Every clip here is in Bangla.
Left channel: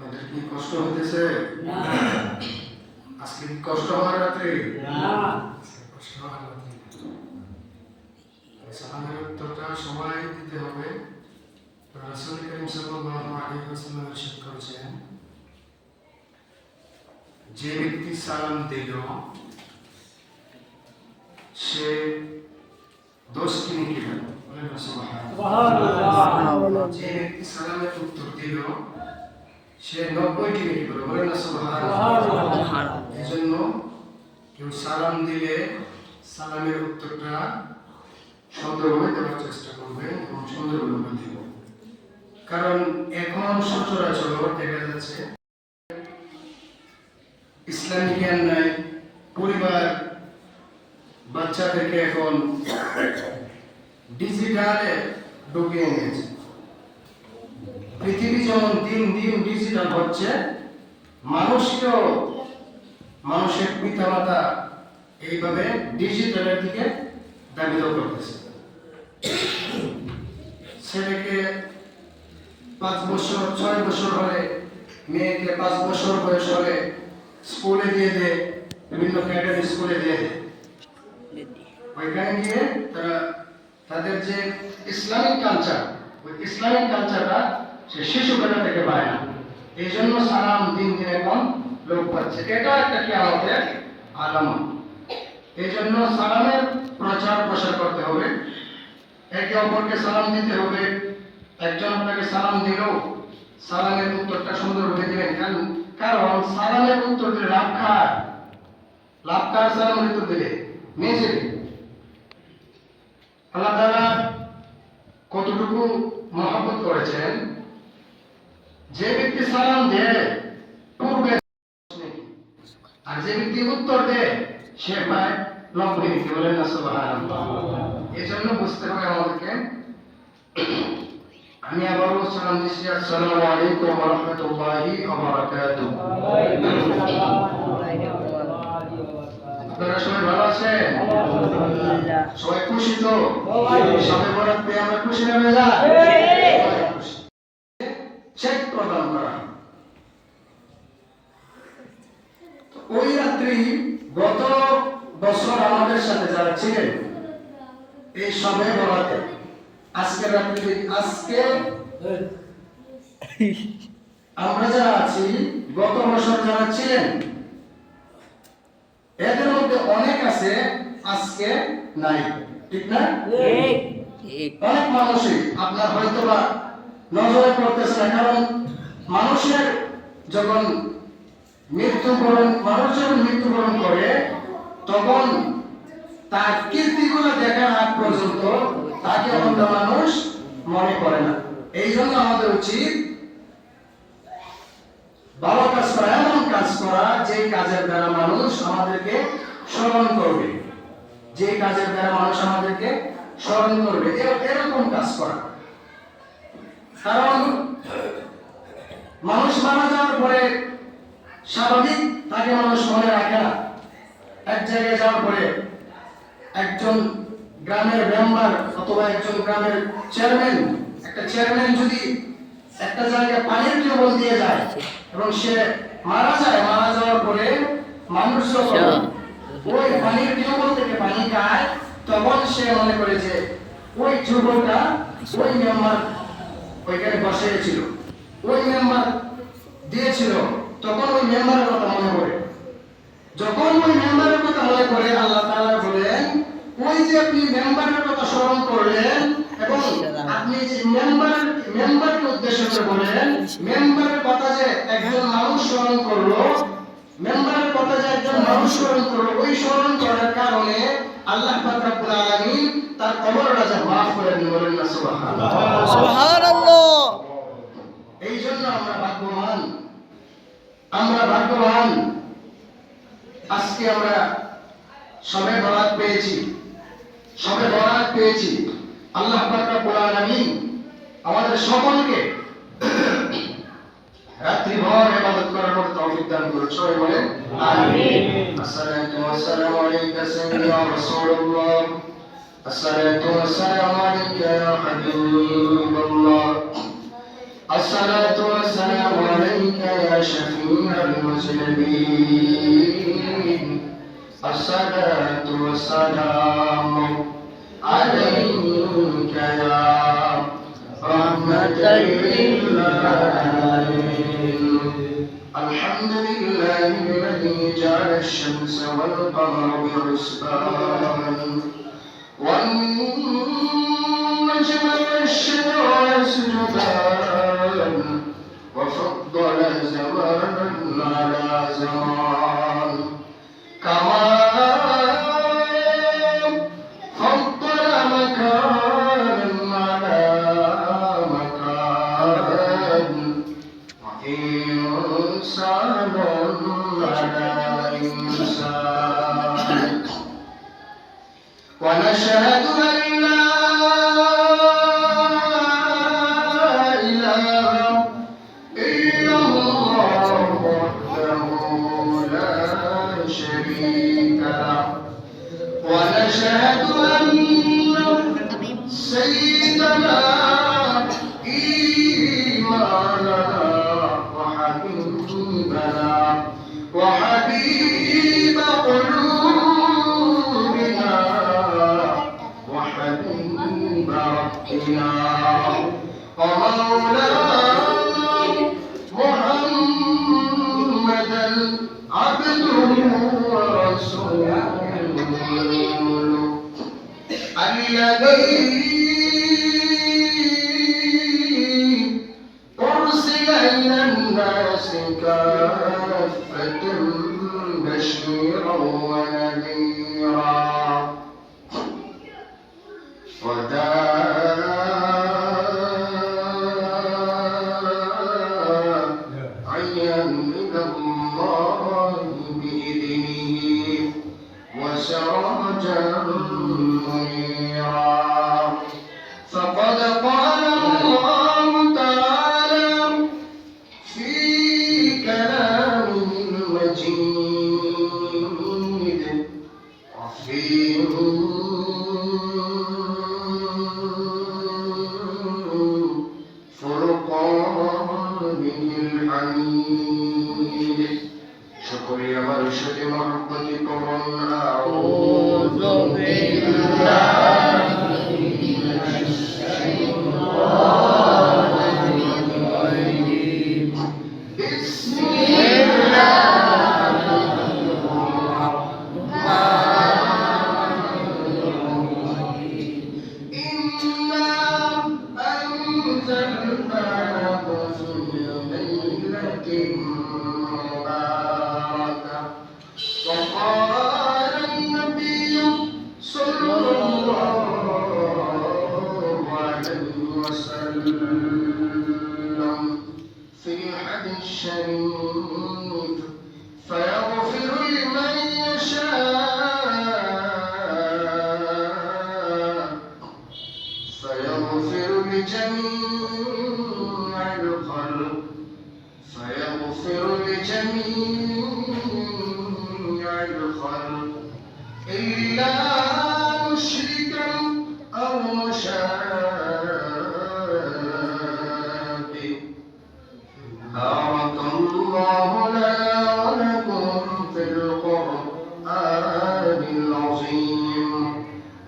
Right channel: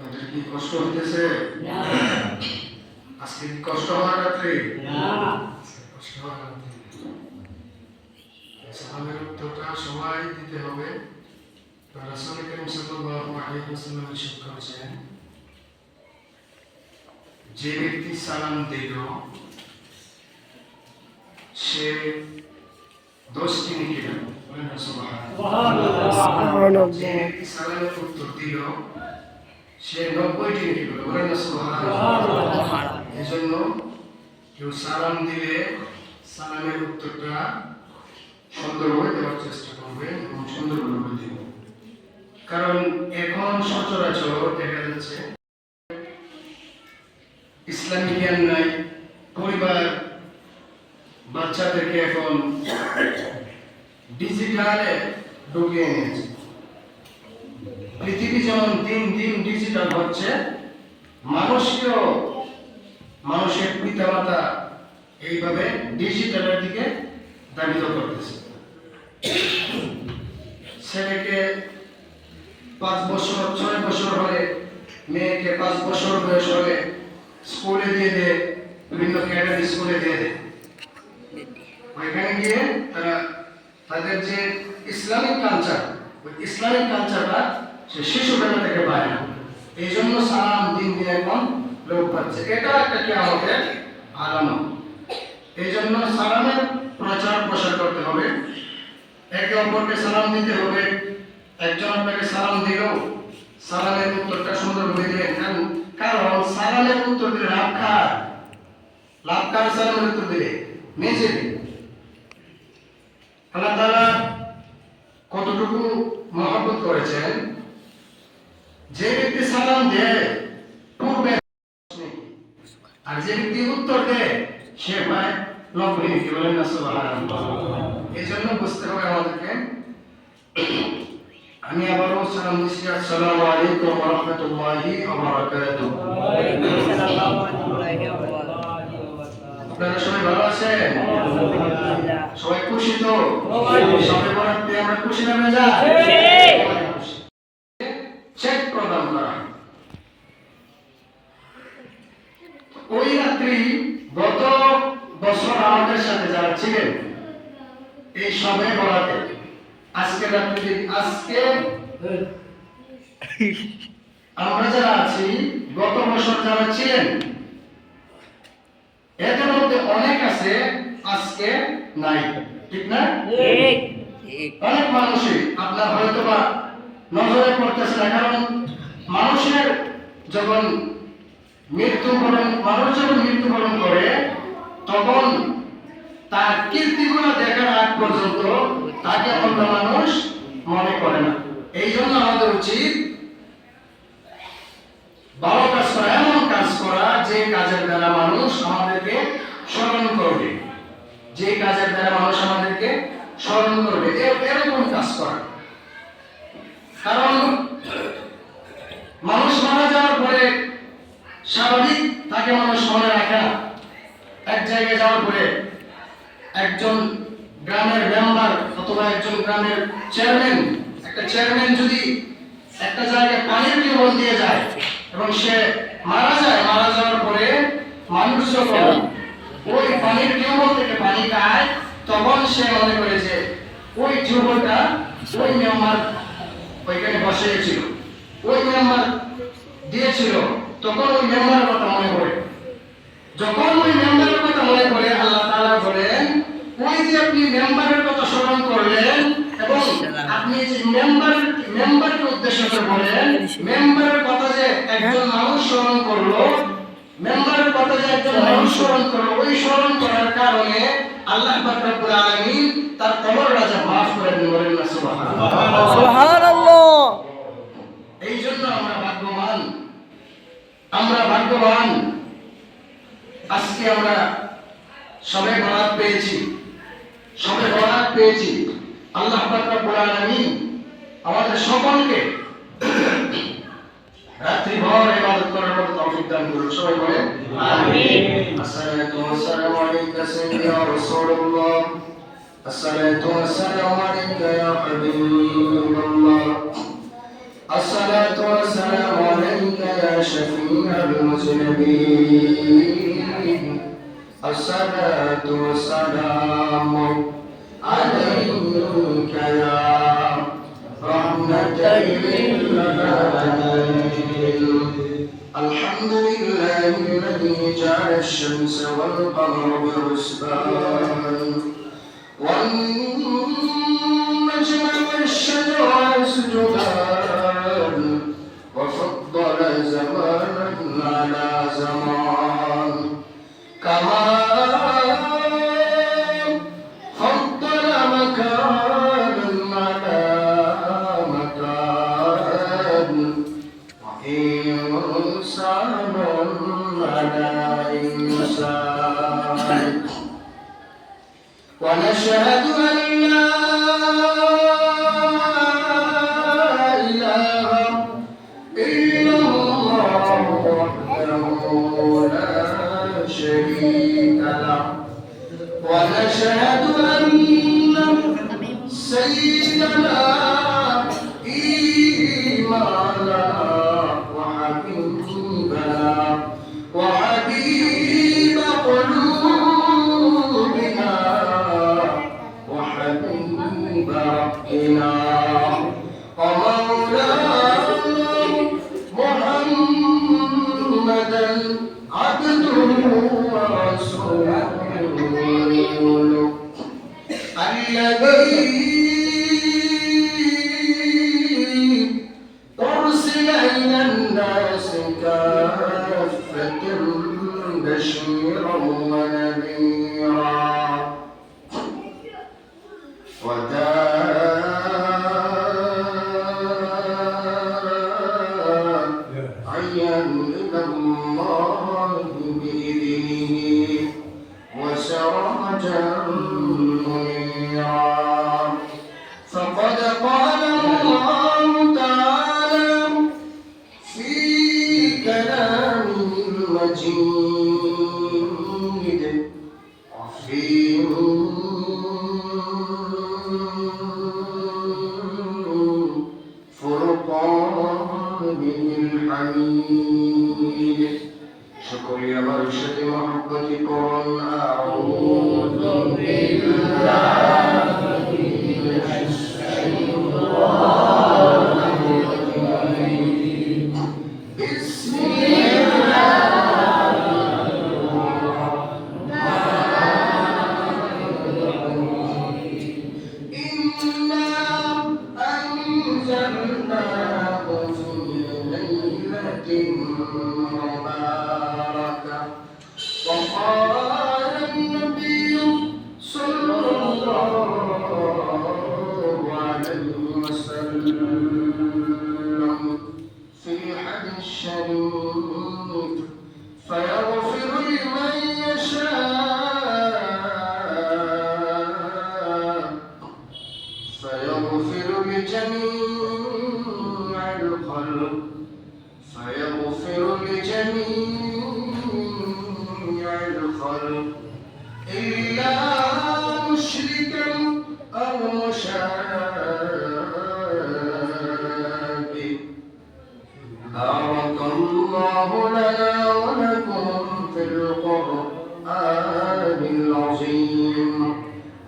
আমাদের কি কষ্ট হইতেছে? আজকে কি কষ্ট হওয়ার রাত্রে? কষ্ট হওয়ার রাত্রে। সালামের উত্তরটা সবাই দিতে হবে। রাসূল করিম সাল্লাল্লাহু আলাইহি ওয়াসাল্লাম ইরশাদ করেছেন, যে ব্যক্তি সালাম দিল সে 10টি নেকি পাবে। বলেন না সুবহানাল্লাহ। যে ব্যক্তি সালামের উত্তর দিল সে 90টি নেকি পাবে। বলেন না সুবহানাল্লাহ। এজন্য কেউ সালাম দিলে সালামের উত্তরটা সুন্দরভাবে দেওয়ার চেষ্টা করবেন এবং সুন্দরভাবে দিবেন। কারণ এখন সচরাচর দেখা যাচ্ছে ইসলামী জ্ঞান নাই, পরিবার বাচ্চাদেরকে এখন ডিজিটালে ঢুকিয়ে নিয়েছে। পৃথিবী যেমন দিন দিন ডিজিটাল হচ্ছে, মানুষের পিতামাতা এইভাবে ডিজিটালের দিকে ধাবিত করতেছে। ছেলেকে 5 বছর 6 বছর হলে, মেয়েকে 5 বছর বয়স হলে স্কুলে দিয়ে দেয়, বিভিন্ন ক্যাডার স্কুলে দিয়ে দেয়। ওইখানে গিয়ে তারা তাদের যে ইসলামিক কালচার, ওই ইসলামিক কালচারটা সে শিশুবেলা থেকে পায় না। এই জন্য সালাম দিন দিন এখন লোপ পাচ্ছে। এটা একটা কিয়ামতের আলামত। এই জন্য সালামের প্রচার প্রসার করতে হবে, একে অপরকে সালাম দিতে হবে। একজন আপনাকে সালাম দিল, সালামের উত্তরটা সুন্দরভাবে দিবেন। কারণ সালামের উত্তর দিলে লাভ কার সালামের উত্তর দিলে নিজে। আল্লাহ তাআলা কতটুকু মহব্বত করেছেন, যে ব্যক্তি সালাম দেয় পূর্বে, আর যে ব্যক্তি উত্তর দেয় সে পায় 90 নেকি। বলেন না সুবহানাল্লাহ। এই জন্য বুঝতে হবে আমাদেরকে। আমি আবারও সালাম দিচ্ছি, আসসালামু আলাইকুম ওয়া রাহমাতুল্লাহি ওয়া বারাকাতুহু। আপনারা সবাই ভালো আছেন? সবাই খুশি তো? সবাই বরাত পেয়ে আমরা খুশি না মেজা? চেক প্রদান করা। ওই রাত্রি গত বছর আমাদের সাথে যারা ছিলেন এই সময় বরাতে, আজকে রাত্রি, আজকে আমরা যারা আছি, গত বছর যারা ছিলেন এদের মধ্যে অনেক আছে আজকে নাই, ঠিক না? অনেক মানুষই আপনার হয়তো বা নজরে পড়তেছে না। কারণ মানুষের যখন মানুষ যখন মৃত্যুবরণ করে তখন তার কীর্তিগুলো দেখার আগ পর্যন্ত তাকে অন্য মানুষ মনে করে না। এই জন্য আমাদের উচিত ভালো কাজ করা, এমন কাজ করা যে কাজের দ্বারা মানুষ আমাদেরকে স্মরণ করবে, যে কাজের দ্বারা মানুষ আমাদেরকে স্মরণ করবে, এরকম কাজ করা। কারণ মানুষ মারা যাওয়ার পরে স্বাভাবিক তাকে মানুষ মনে রাখে না। এক জায়গায় যাওয়ার পরে একজন গ্রামের মেম্বার অথবা একজন গ্রামের চেয়ারম্যান, একটা চেয়ারম্যান যদি একটা জায়গায় পানির টিউবওয়েল দিয়ে যায় এবং সে মারা যাওয়ার পরে মানুষ যখন ওই পানির টিউবওয়েল থেকে পানি খায় তখন সে মনে করে যে ওই টিউবওয়েলটা ওই মেম্বার ওইখানে বসিয়েছিল, ওই মেম্বার দিয়েছিল, তখন ওই মেম্বারের কথা মনে পড়ে। যখন ওই মেম্বারের কথা মনে পড়ে, আল্লাহ তাআলা বলেন, ওই যে আপনি মেম্বারের কথা স্মরণ করলেন এবং আপনি যে মেম্বারকে উদ্দেশ্য করে বলেন, মেম্বারের কথা যে একজন মানুষ স্মরণ করলো, মেম্বারের কথা যে একজন মানুষ স্মরণ করলো, ওই স্মরণ করার কারণে আল্লাহ পাক রব্বুল আলামিন তার কবরটা যা মাফ করে দিলেন। বলেন না সুবহানাল্লাহ। সুবহানাল্লাহ। এই জন্য আমরা ভাগ্যবান। আজকে আমরা সবে বরাত পেয়েছি। আল্লাহ পাক রব্বুল আলামিন আমাদের সকলকে রাত্রিভর ইবাদত করার মতো তৌফিক দান করুন। সবাই বলেন আমিন। আসসালাতু ওয়াসসালামু আলাইকা সাইয়্যিদা রাসূলুল্লাহ, আসসালাতু ওয়াসসালামু আলাইকা ইয়া হাবিবাল্লাহ, الصلاة والسلام عليك يا شفيع المذنبين الصلاة والسلام عليك يا رحمة للعالمين الحمد لله الذي جعل الشمس والقمر بحسبان والنجم والشجر يسجدان وفضل زمانا على زمان كما فضل مكانا على مكان وإنسانا على إنسان ونشهد أن لا إله إلا الله وحده لا شريك له ونشهد أن سيدنا إيماننا وحبيبنا وحبيب قلوبنا وحبيب ربنا ومولانا محمدا عبده ورسوله الذي أرسل إلى الناس كافة بشيرا ونذيرا وداعيا إلى الله بإذنه وسراجا منيرا فقد قال الله تعالى في كلامه المجيد وفي فرقانه الحميد شكر يا مرشد محبة قرآن أعوذ بالله من الشيطان الرجيم بسم الله إنا أنزلناه في ليلة مباركة وقال النبي صلى الله عليه وسلم في الحديث الشريف فيغفر لمن يشاء فيغفر لجميع الخلق فيغفر لجميع الخلق إلا مشركا أو مشابه بارك الله لنا ولكم في القرآن العظيم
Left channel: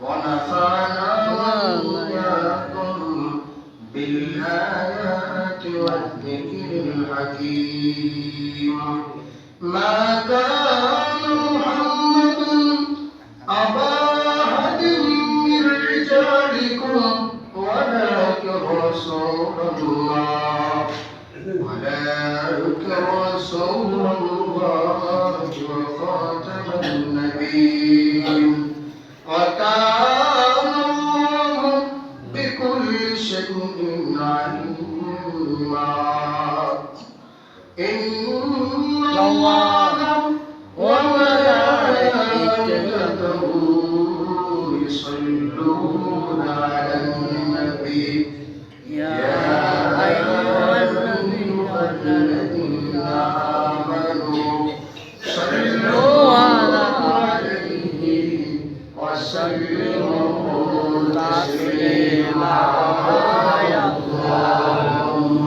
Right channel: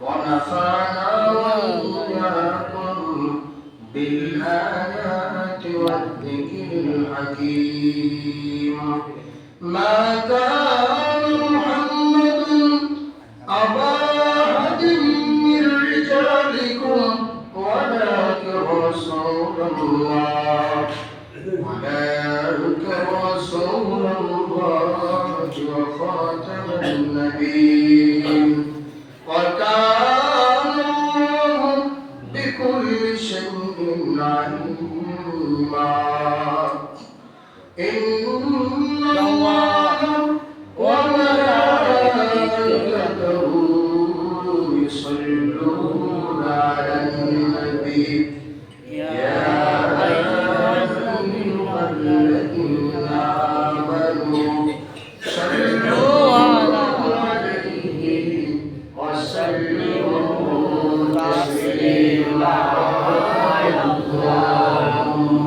ونفعنا وإياكم بالآيات والذكر الحكيم ما كان محمد أبا أحد من رجالكم ولكن رسول الله وخاتم النبيين وكان الله بكل شيء عليما إن الله وملائكته يصلون على النبي يا أيها الذين آمنوا صلوا عليه وسلموا تسليما اللهم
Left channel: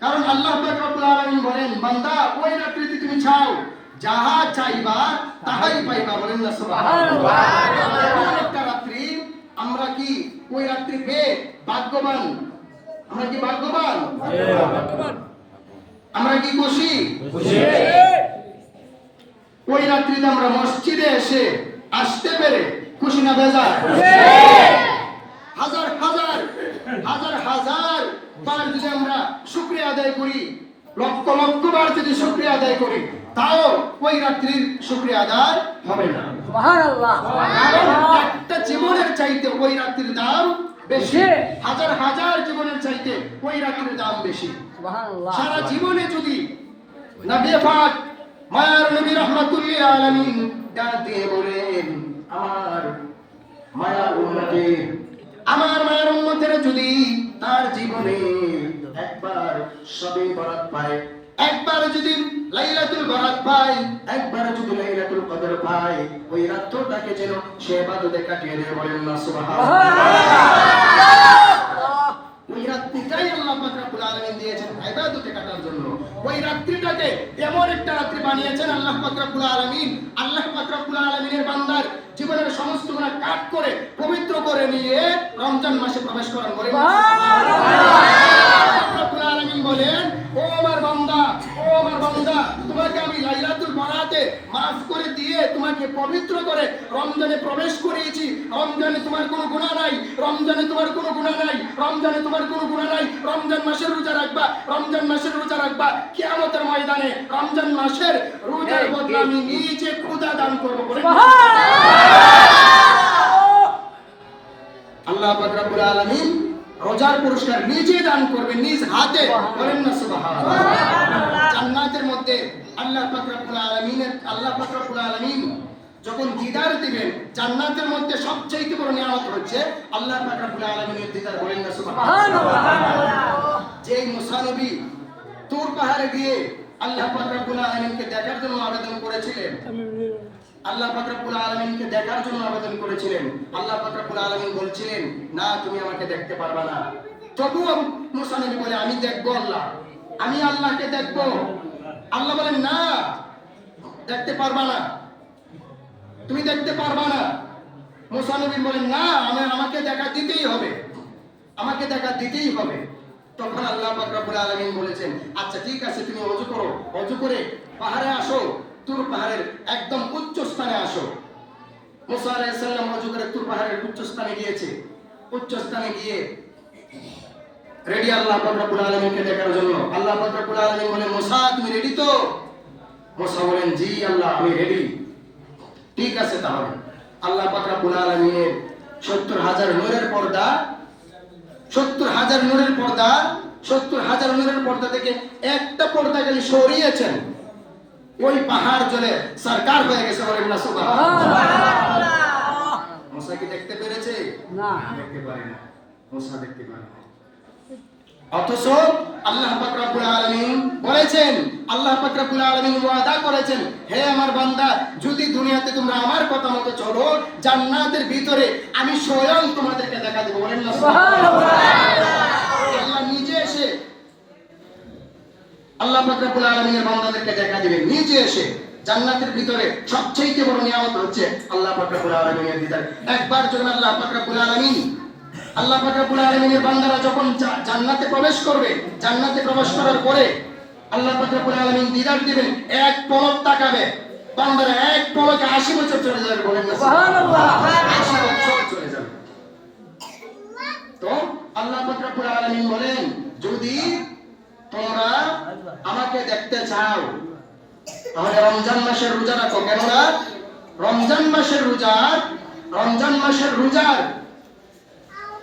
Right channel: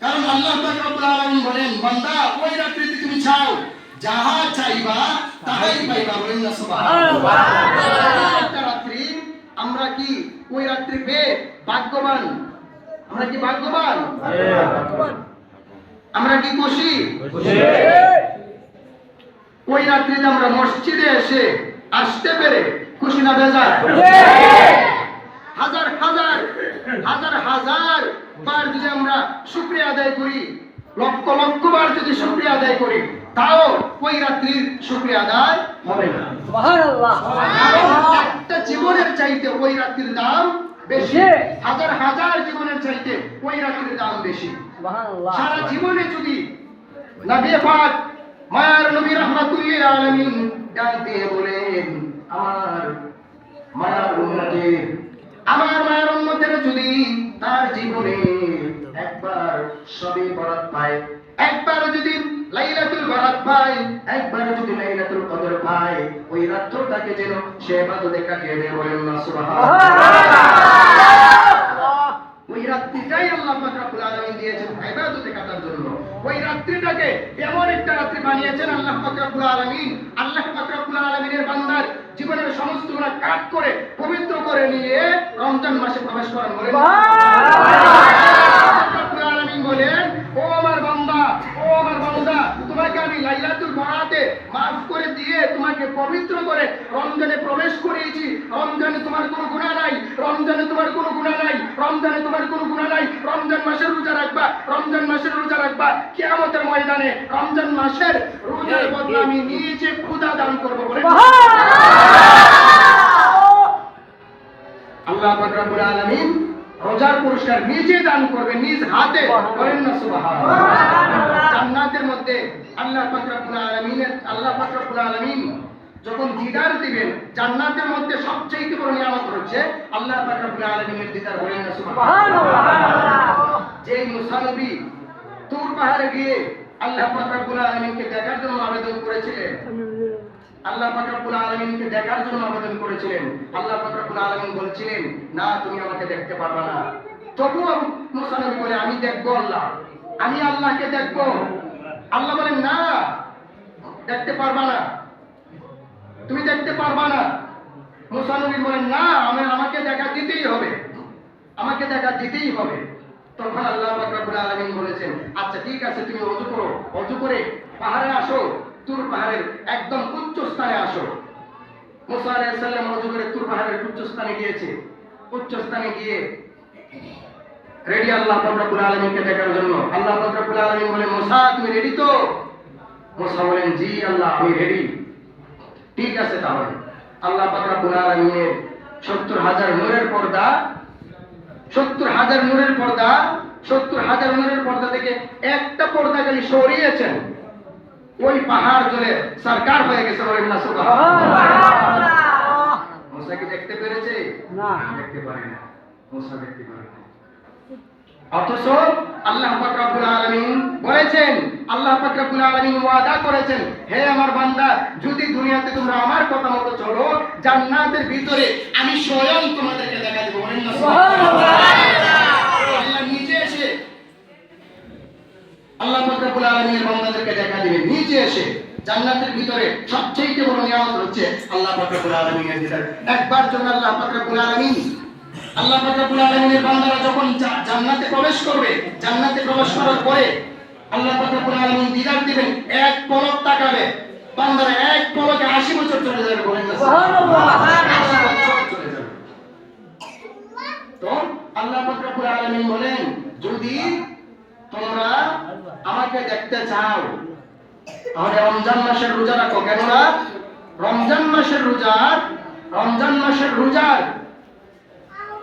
কারণ আল্লাহ পাক রব্বুল আলামিন বলেন, বান্দা ওই রাত্রিতে তুমি চাও, যাহা চাইবা তাহাই পাইবা। বলেন না সুবহানাল্লাহ। একটা রাত্রি আমরা কি ওই রাত্রি পেয়ে ভাগ্যবান? আমরা কি ভাগ্যবান? আমরা কি খুশি? ওই রাত্রিতে আমরা মসজিদে এসে আসতে পেরে খুশি না বেজার? হাজার হাজার হাজার হাজার বার যদি আমরা শুকরিয়া আদায় করি, লক্ষ লক্ষ বার যদি শুকরিয়া আদায় করি, তাও ওই রাত্রির শুকরিয়া আদায় হবে না। সুবহানাল্লাহ। একটা জীবনের চাইতে ওই রাত্রির দাম বেশি, হাজার হাজার জীবনের চাইতে ওই রাত্রির দাম বেশি। সুবহানাল্লাহ। সারা জীবনে যদি নবী পাক মায়ার নবী রাহমাতুল্লিল আলামিন ডাক দিয়ে বলেন, আমার মায়ার উম্মতের, আমার মায়ের উম্মতের যদি তার জীবনে একবার সবে বরাত পায়, একবার যদি লাইলাতুল বরাত পায়, একবার যদি লাইলাতুল কদর পায়, ওই রাতটাকে যেন সে ইবাদতে কাটিয়ে দিয়ে বলেন না সুবহানাল্লাহ। ওই রাত্রিটাই আল্লাহ পাক রব্বুল আলামিন দিয়েছেন ইবাদতে কাটার জন্য। ওই রাত্রিটাকে এমন একটা রাত্রি বানিয়েছেন আল্লাহ পাক রব্বুল আলামিন, আল্লাহ পাক রব্বুল আলামিনের বান্দার জীবনের সমস্ত গুনাহ কাট করে পবিত্র করে নিয়ে রমজান মাসে প্রবেশ করেন। বলেন রব্বুল আলামিন বলেন, ও আমার বান্দা, ও আমার বান্দা, তোমাকে আমি লাইলাতুল বরাতে maaf করে দিয়ে তোমাকে পবিত্র করে রমজানে প্রবেশ করিয়েছি। রমজানে তোমার কোনো গুনাহ নাই, রমজানে তোমার কোনো গুনাহ নাই, রমজানে তোমার কোনো গুনাহ নাই। রমজান মাসের রোজা রাখবা, রমজান মাসের রোজা রাখবা। কিয়ামতের ময়দানে রমজান মাসের রোজার বদলা আমি নিজে খোদা দান করব। বলে আল্লাহ পাক রব্বুল আলামিন রোজার পুরস্কার নিজে দান করবে, নিজ হাতে। বলেন না সুবহানাল্লাহ। জান্নাতের মধ্যে আল্লাহ পাক রব্বুল আলামিন যখন দিদার দিবেন, জান্নাতের মধ্যে সবচেয়ে বড় নিয়ামত হচ্ছে আল্লাহ পাক রব্বুল আলামিনের দিদার। বলেন না সুবহানাল্লাহ। যে মুসা নবী তুর পাহাড়ে গিয়ে আল্লাহ পাক রব্বুল আলামিনকে দেখার জন্য আবেদন করেছিলেন, আল্লাহ পাক রব্বুল আলামিনকে দেখার জন্য আবেদন করেছিলেন, আল্লাহ পাক রব্বুল আলামিন বলেছিলেন, না তুমি আমাকে দেখতে পারবে না। তবুও মুসা নবী বলে, আমি দেখবো আল্লাহ, আমি আল্লাহকে দেখবো। আল্লাহ বলেন, না দেখতে পারবা না। তুমি দেখতে পারবা না। মুসা নবী বলেন, না, আমাকে দেখা দিতেই হবে, আমাকে দেখা দিতেই হবে। তখন আল্লাহ পাক রব্বুল আলামিন বলেছেন, আচ্ছা ঠিক আছে, তুমি ওযু করো, ওযু করে পাহাড়ে আসো, তুর পাহাড়ের একদম উচ্চ স্থানে আসো। মুসা আলাইহিস সালাম ওযু করে তুর পাহাড়ের উচ্চ স্থানে গিয়েছে। উচ্চ স্থানে গিয়ে রেডি আল্লাহ পাক রব্বুল আলামিনকে দেখার জন্য। আল্লাহ পাক রব্বুল আলামিন বলেন, মুসা তুমি রেডি তো? মুসা বলেন, জি আল্লাহ, আমি রেডি। ঠিক আছে, তাহলে আল্লাহ পাক রব্বুল আলামিনের 70,000 নূরের পর্দা, 70,000 নূরের পর্দা, 70,000 নূরের পর্দা থেকে একটা পর্দা খালি সরিয়েছেন, ওই পাহাড় জ্বলে সরকার হয়ে গেছে। বলেন না সুবহানাল্লাহ। মুসা কি দেখতে পেরেছে? না, দেখতে পারে না। মুসা দেখতে পারে না। অথচ আল্লাহ পাক রব্বুল আলামিন বলেছেন, আল্লাহ পাক রব্বুল আলামিন ওয়াদা করেছেন, হে আমার বান্দা, যদি দুনিয়াতে তোমরা আমার কথা মতো চলো, জান্নাতের ভিতরে আমি স্বয়ং তোমাদেরকে দেখা দেব। বলেন না সুবহানাল্লাহ। আল্লাহ নিজে এসে, আল্লাহ পাক রব্বুল আলামিনের বান্দাদেরকে দেখা দিবেন নিজে এসে। জান্নাতের ভিতরে সবচেয়ে বড় নিয়ামত হচ্ছে আল্লাহ পাক রব্বুল আলামিনের দিদার। একবার যখন আল্লাহ পাক রব্বুল আলামিনের বান্দারা যখন জান্নাতে প্রবেশ করবে, জান্নাতে প্রবেশ করার পরে আল্লাহ পাক রব্বুল আলামিন দিদার দিবেন, এক পলক তাকাবে, বান্দারা এক পলকে 80 বছর চলে যাবে। বলেন না সুবহানাল্লাহ। 80 বছর চলে যাবে। তো আল্লাহ পাক রব্বুল আলামিন বলেন, যদি তোমরা আমাকে দেখতে চাও তাহলে রমজান মাসের রোজা রাখো। কেননা রমজান মাসের রোজার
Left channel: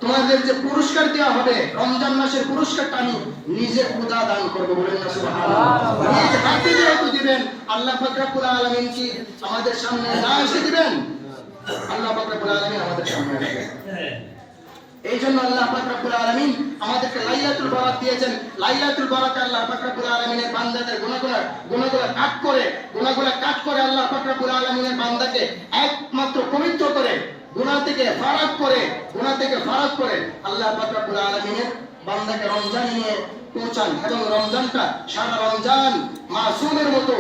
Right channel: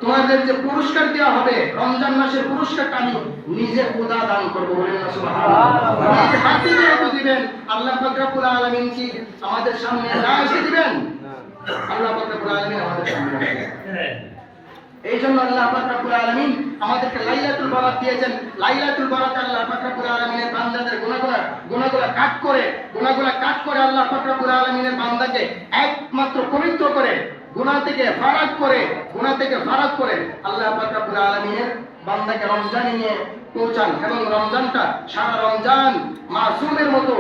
তোমাদের যে পুরস্কার দেওয়া হবে, রমজান মাসের পুরস্কারটা আমি নিজে খোদা দান করব। বলেন না সুবহানাল্লাহ। নিজ হাতে যেহেতু দিবেন, আল্লাহ পাক রব্বুল আলামিন কি আমাদের সামনে না এসে দিবেন? আল্লাহ পাক রব্বুল আলামিন আমাদের সামনে আসবেন। এই জন্য আল্লাহ পাক রব্বুল আলামিন আমাদেরকে লাইলাতুল বরাত দিয়েছেন। লাইলাতুল বরাতে আল্লাহ পাক রব্বুল আলামিনের বান্দাদের গুনাহগুলো কাট করে আল্লাহ পাক রব্বুল আলামিনের বান্দাকে একমাত্র পবিত্র করে, গুনাহ থেকে ফারাক করে আল্লাহ পাক রব্বুল আলামিনের বান্দাকে রমজানে নিয়ে পৌঁছান, এবং রমজানটা সারা রমজান মাসুমের মতো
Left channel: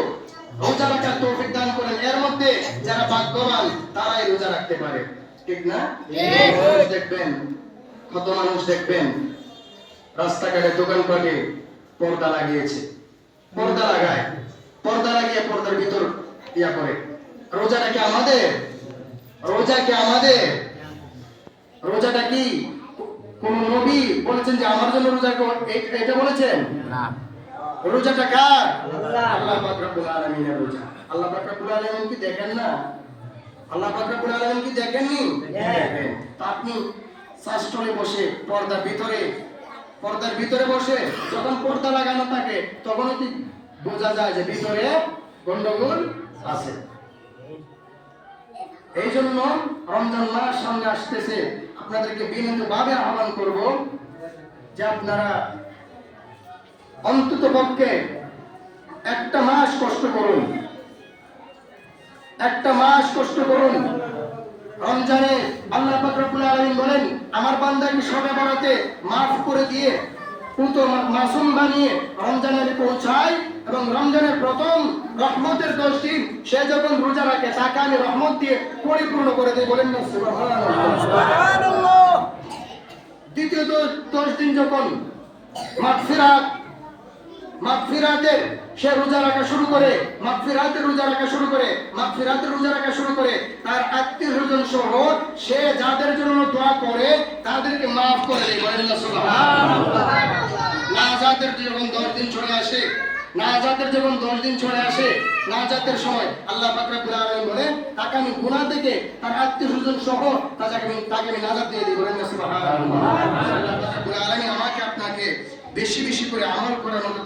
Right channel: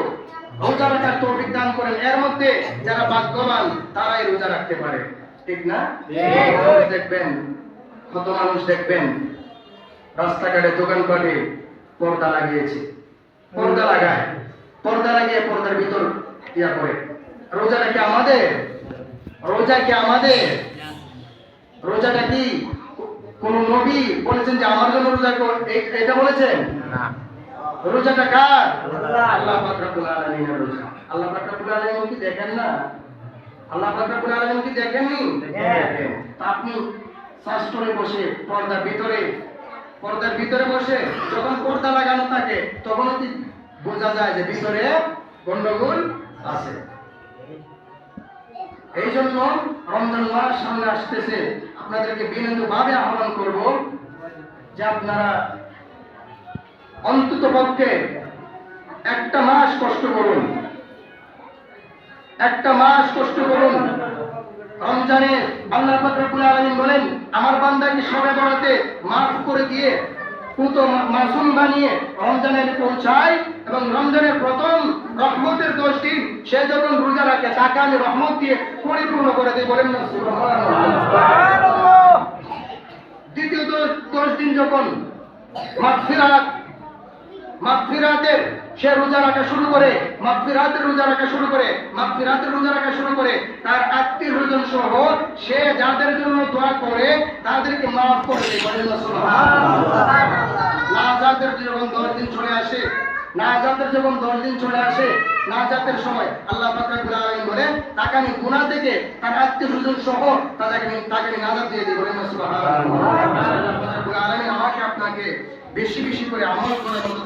রোজা রাখার তৌফিক দান করেন। এর মধ্যে যারা ভাগ্যবান তারাই রোজা রাখতে পারে, ঠিক না? দেখবেন কত মানুষ দেখবেন রাস্তাঘাটে দোকানপাটে পর্দা লাগিয়েছে, পর্দা লাগিয়ে পর্দার ভিতর ইয়া করে। রোজাটা কি আমাদের? রোজাটা কি কোন নবী বলেছেন যে আমার জন্য রোজা এটা বলেছেন? না। রোজাটা কার? আল্লাহ পাক রব্বুল আলামিনের রোজা। আল্লাহ পাক রব্বুল আলামিন কি দেখেন না? আল্লাহ পাক রব্বুল আলামিন কি দেখেননি? দেখেন। আপনি শাস্ত্রে বসে পর্দার ভিতরে বসে যখন পর্দা লাগানো থাকে তখন কি বোঝা যায় যে ভিতরে গন্ডগোল আছে। এই জন্য রমজান মাস সামনে আসতেছে, আপনাদেরকে বিনীতভাবে আহ্বান করব যে আপনারা অন্তত পক্ষে একটা মাস কষ্ট করুন। রমজানে আল্লাহ পাক রব্বুল আলামিন বলেন, আমার বান্দাকে শবে বরাতে মাফ করে দিয়ে পুত মাসুম বানিয়ে রমজানে পৌঁছায়, এবং রমজানের প্রথম রহমতের 10 দিন সে যখন রোজা রাখে তাকে আমি রহমত দিয়ে পরিপূর্ণ করে দিই। বলেন না সুবহানাল্লাহ। দ্বিতীয় 10 দিন যখন মাগফিরাতের সে রোজা রাখা শুরু করে, তার আত্মীয়স্বজন সহ সে যাদের জন্য দোয়া করে তাদেরকে মাফ করে দেয়। বলেন না সুবহানাল্লাহ। নাজাতের যখন 10 দিন চলে আসে, নাজাতের সময় আল্লাহ পাক রব্বুল আলামিন বলেন, তাকে আমি গুনাহ থেকে তার আত্মীয়স্বজন সহ তাকে আমি নাজাত দিয়ে দিই। বলেন না সুবহানাল্লাহ। আল্লাহ পাক রব্বুল আলামিন আমাকে আপনাকে বেশি করে আমল করার মতো